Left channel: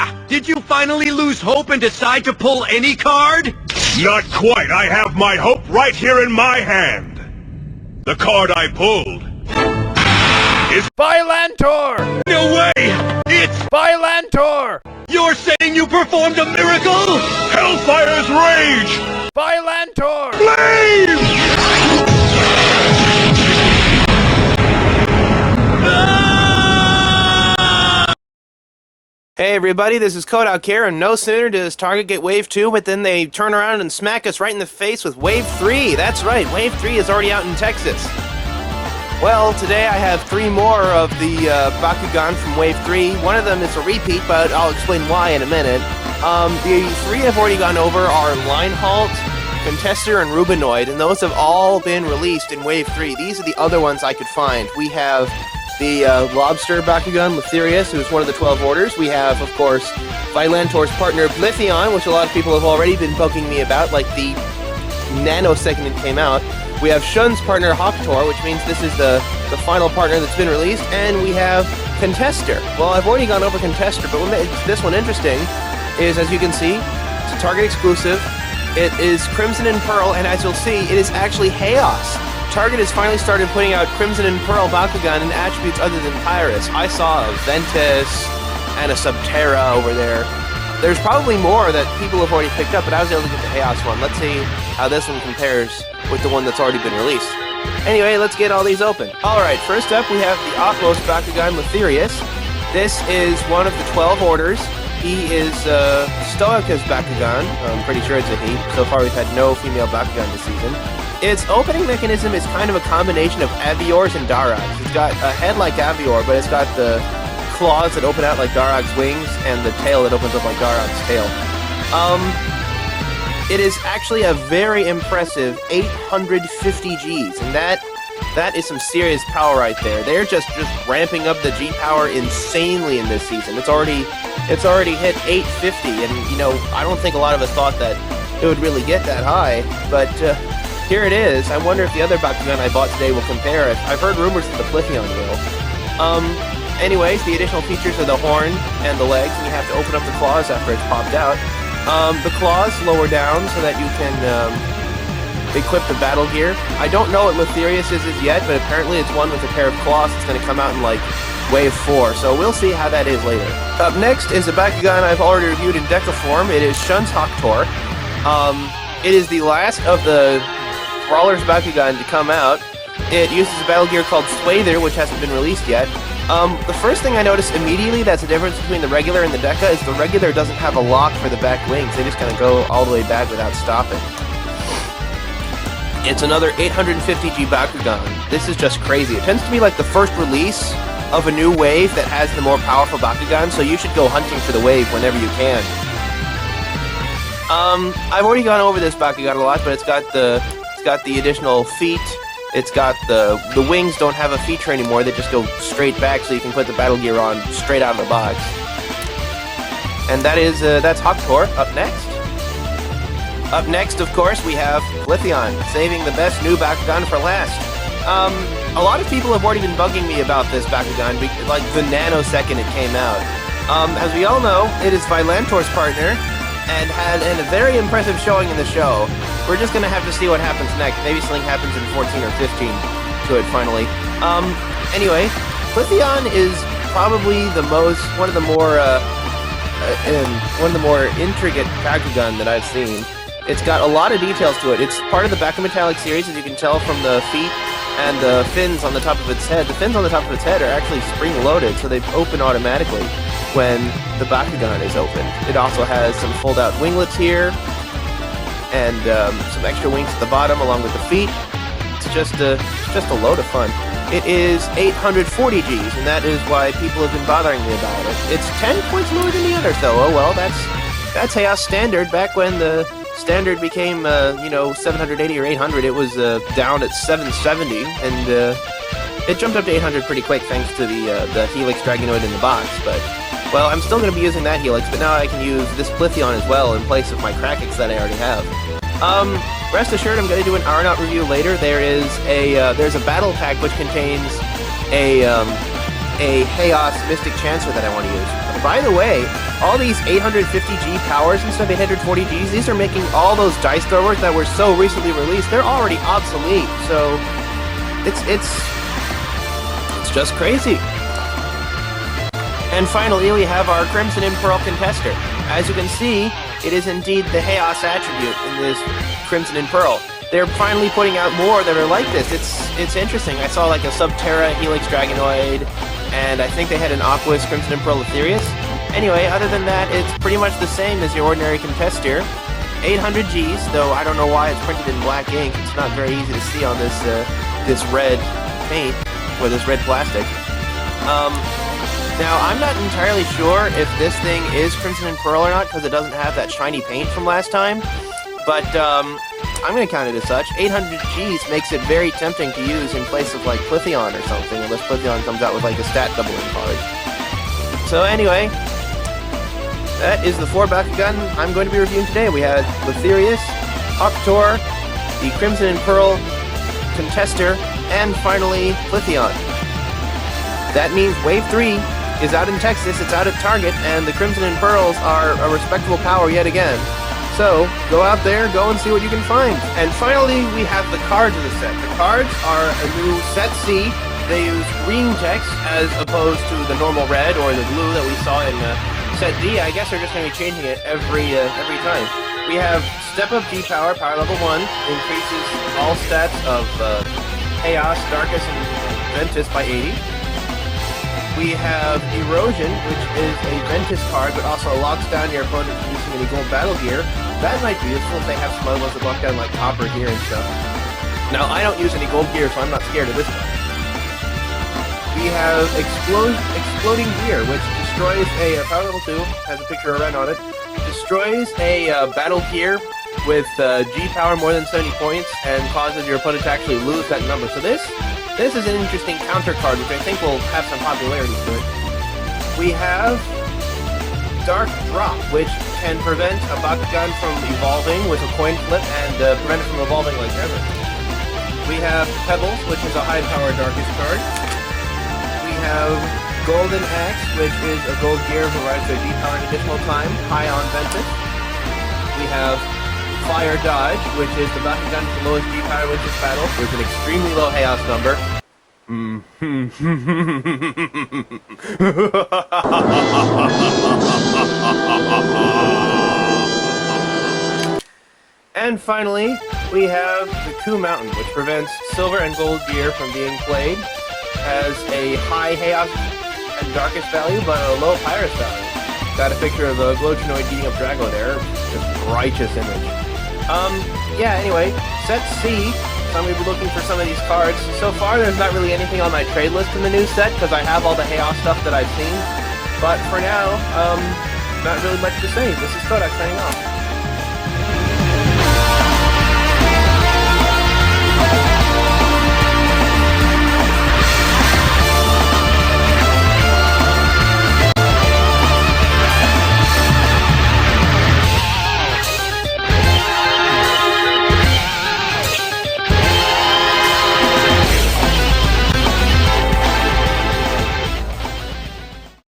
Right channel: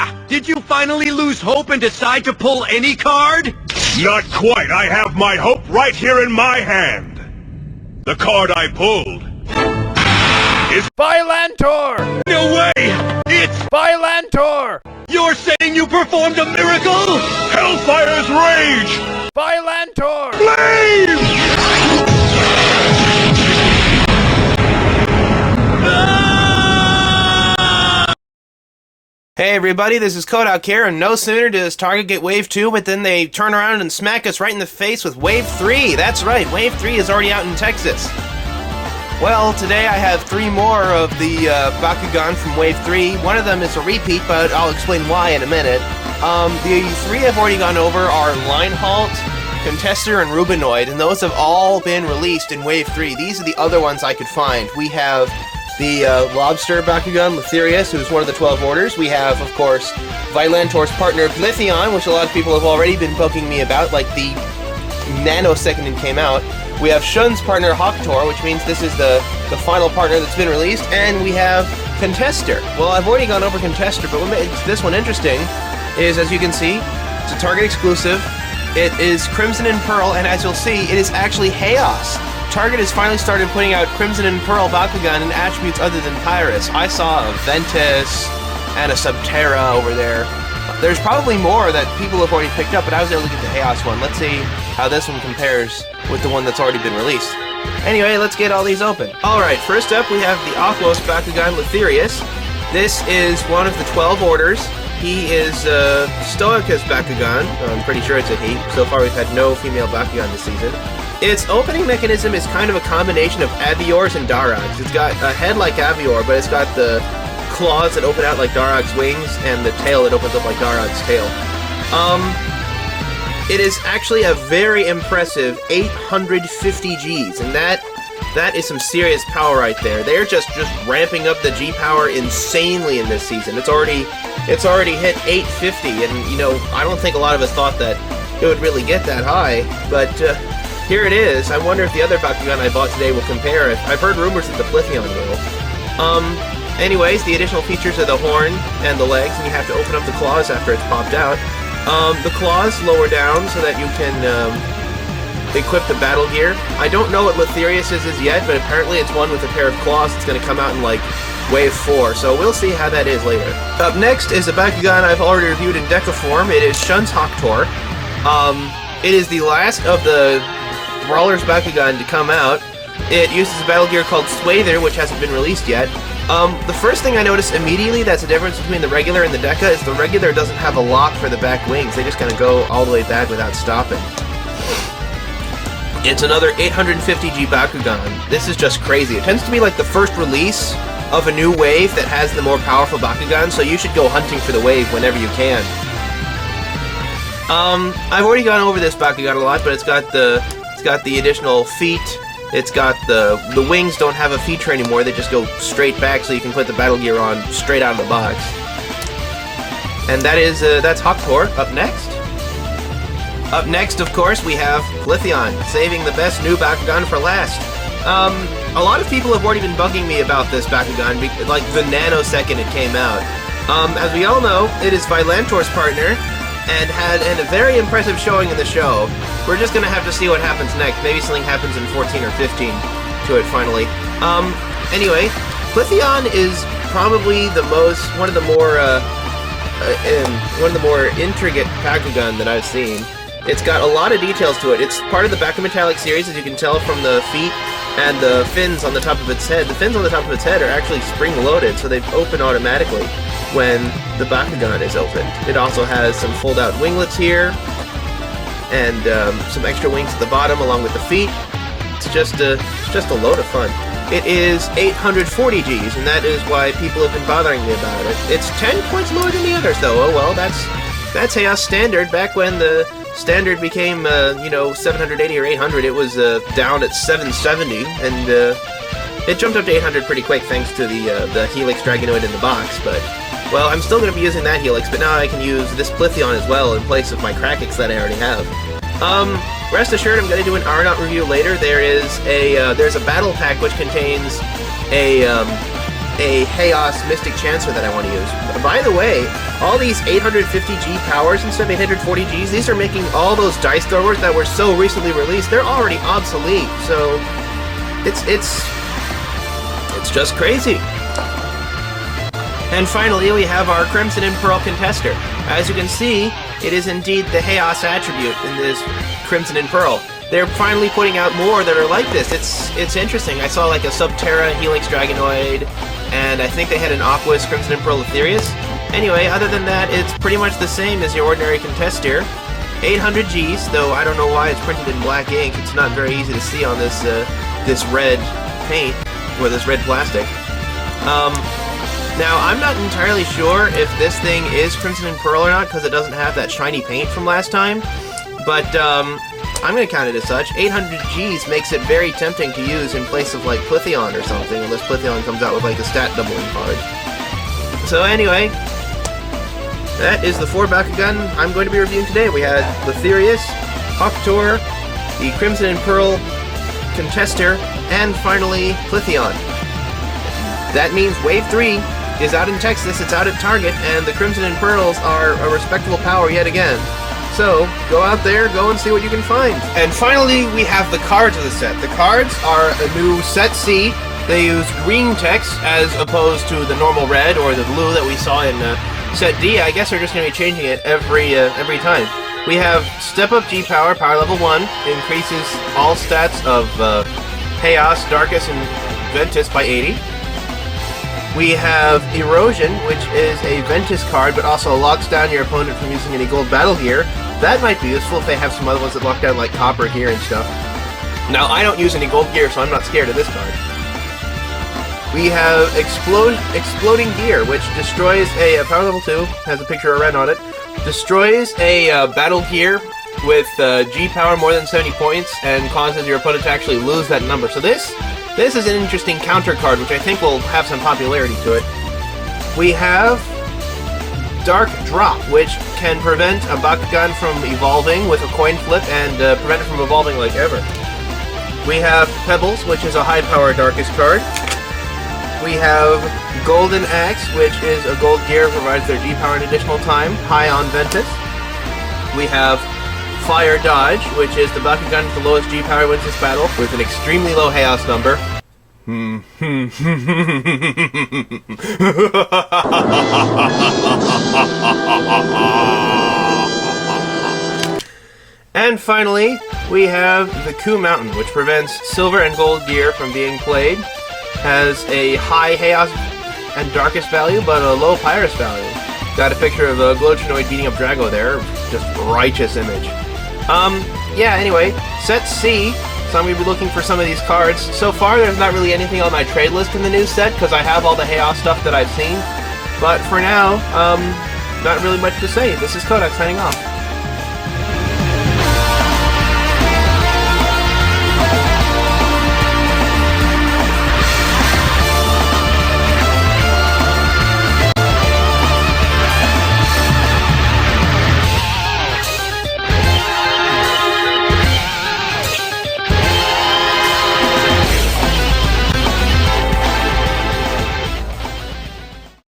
Ha! Did you finally lose hope and decide to pull any card? Not quite. I have my hope right here in my hand. The card I pulled is Vilantor! No way! It's Vilantor! You're saying you performed a miracle? Hellfire's Rage! Vilantor! Flame! Hey everybody, this is Kohdok here, and no sooner does Target get Wave 2, but then they turn around and smack us right in the face with Wave 3! That's right, Wave 3 is already out in Texas. Well, today I have 3 more of the Bakugan from Wave 3. One of them is a repeat, but I'll explain why in a minute. The 3 I've already gone over are Blindhalt, Contester, and Rubinoid, and those have all been released in Wave 3. These are the other ones I could find. We have the Lobster Bakugan Lythirius, who's one of the 12 orders. We have, of course, Vilantor's partner Plitheon, which a lot of people have already been bugging me about, like the nanosecond it came out. We have Shun's partner Hawktor, which means this is the final partner that's been released. And we have Contester. Well, I've already gone over Contester, but what makes this one interesting is, as you can see, it's a Target exclusive. It is Crimson and Pearl, and as you'll see, it is actually Chaos. Target has finally started putting out Crimson and Pearl Bakugan and attributes other than Pyrus. I saw a Ventus and a Subterra over there. There's probably more that people have already picked up, but I was able to get the Chaos one. Let's see how this one compares with the one that's already been released. Anyway, let's get all these open. Alright, first up we have the Offmost Bakugan Lythirius. This is one of the 12 orders. He is Stoica's Bakugan. I'm pretty sure it's a he. So far we've had no female Bakugan this season. Its opening mechanism is kind of a combination of Aviors and Daraks. It's got a head like Avior, but it's got the claws that open out like Darak's wings, and the tail that opens up like Darak's tail. It is actually a very impressive 850 Gs, and that is some serious power right there. They're just ramping up the G power insanely in this season. It's already hit 850, and I don't think a lot of us thought that it would really get that high, but here it is. I wonder if the other Bakugan I bought today will compare it. I've heard rumors that the Plitheon will. Anyways, the additional features are the horn and the legs. You have to open up the claws after it's popped out. The claws lower down so that you can equip the battle gear. I don't know what Lythirius is yet, but apparently it's one with a pair of claws that's going to come out in like Wave 4, so we'll see how that is later. Up next is a Bakugan I've already reviewed in Deca form. It is Shun's Hawktor. It is the last of the Brawler's Bakugan to come out. It uses a battle gear called Swather, which hasn't been released yet. The first thing I noticed immediately that's the difference between the regular and the Deca is the regular doesn't have a lock for the back wings. They're just going to go all the way back without stopping. It's another 850G Bakugan. This is just crazy. It tends to be like the first release of a new wave that has the more powerful Bakugan, so you should go hunting for the wave whenever you can. I've already gone over this Bakugan a lot, but it's got the additional feet. It's got the wings don't have a feature anymore. They just go straight back, so you can put the battle gear on straight out of the box. And that's Hawktor. Up next. Up next, of course, we have Plitheon, saving the best new Bakugan for last. A lot of people have already been bugging me about this Bakugan, like the nanosecond it came out. As we all know, it is Vilantor's partner, and had a very impressive showing in the show. We're just going to have to see what happens next. Maybe something happens in 14 or 15 to it finally. Anyway, Plitheon is probably one of the more intricate Bakugan that I've seen. It's got a lot of details to it. It's part of the Bakugan Metallic series, as you can tell from the feet and the fins on the top of its head. The fins on the top of its head are actually spring-loaded, so they open automatically when the Bakugan is open. It also has some fold-out winglets here, and some extra wings at the bottom along with the feet. It's just a load of fun. It is 840 Gs, and that is why people have been bothering me about it. It's 10 points more than the others, though. Oh well, that's Chaos Standard. Back when the Standard became, 780 or 800, it was down at 770, and it jumped up to 800 pretty quick thanks to the Helix Dragonoid in the box, but, well, I'm still going to be using that Helix, but now I can use this Plitheon as well in place of my Krakens that I already have. Rest assured, I'm going to do an Arnott review later. There's a battle pack which contains a Chaos Mystic Chancer that I want to use. By the way, all these 850G powers instead of 840Gs. These are making all those dice throwers that were so recently released, they're already obsolete. So it's just crazy. And finally, we have our Crimson and Pearl contestant. As you can see, it is indeed the Chaos attribute in this Crimson and Pearl. They're finally putting out more that are like this. It's interesting. I saw like a Subterra Helix Dragonoid, and I think they had an Aqua's Crimson and Pearl Lythirius. Anyway, other than that, it's pretty much the same as the ordinary contester. 800 Gs, though I don't know why it's printed in black ink. It's not very easy to see on this red paint, or this red plastic. Now, I'm not entirely sure if this thing is Crimson and Pearl or not, because it doesn't have that shiny paint from last time. But, I'm going to count it as such. 800 Gs makes it very tempting to use in place of, like, Plitheon or something, unless Plitheon comes out with, like, a stat double card. So, anyway, that is the 4 Bakugan I'm going to be reviewing today. We had Lythirius, Hawktor, Crimson and Pearl Contester, and finally, Plitheon. That means Wave 3 is out in Texas, it's out at Target, and the Crimson and Pearls are a respectable power yet again. So, go out there, go and see what you can find. And finally, we have the cards of the set. The cards are a new Set C. They use green text as opposed to the normal red or the blue that we saw in Set D. I guess they're just going to be changing it every time. We have Step Up G Power, Power Level 1, increases all stats of Chaos, Darkus, and Ventus by 80. We have Erosion, which is a Ventus card, but also locks down your opponent from using any gold battle gear. That might be useful if they have some other ones that lock down like copper gear and stuff. Now, I don't use any gold gear, so I'm not scared of this card. We have Exploding Gear, which destroys a Power Level 2, has a picture of red on it, destroys a battle gear with G power more than 70 points, and causes your opponent to actually lose that number. So this is an interesting counter card, which I think will have some popularity to it. We have Dark Drop, which can prevent a Bakugan from evolving with a coin flip and prevent it from evolving like ever. We have Pebbles, which is a high-power Darkus card. We have Golden Axe, which is a gold gear, provides their G-power an additional time, high on Ventus. We have Fire Dodge, which is the Bakugan with the lowest G-power wins this battle, with an extremely low Chaos number. And finally, we have the Ku Mountain, which prevents silver and gold gear from being played, has a high Chaos and Darkus value, but a low Pyrus value. Got a picture of a Glowchinoid beating up Drago there, just righteous image. Yeah, anyway, Set C, so I'm going to be looking for some of these cards. So far, there's not really anything on my trade list in the new set, because I have all the Chaos stuff that I've seen. But for now, not really much to say. This is Kohdok signing off.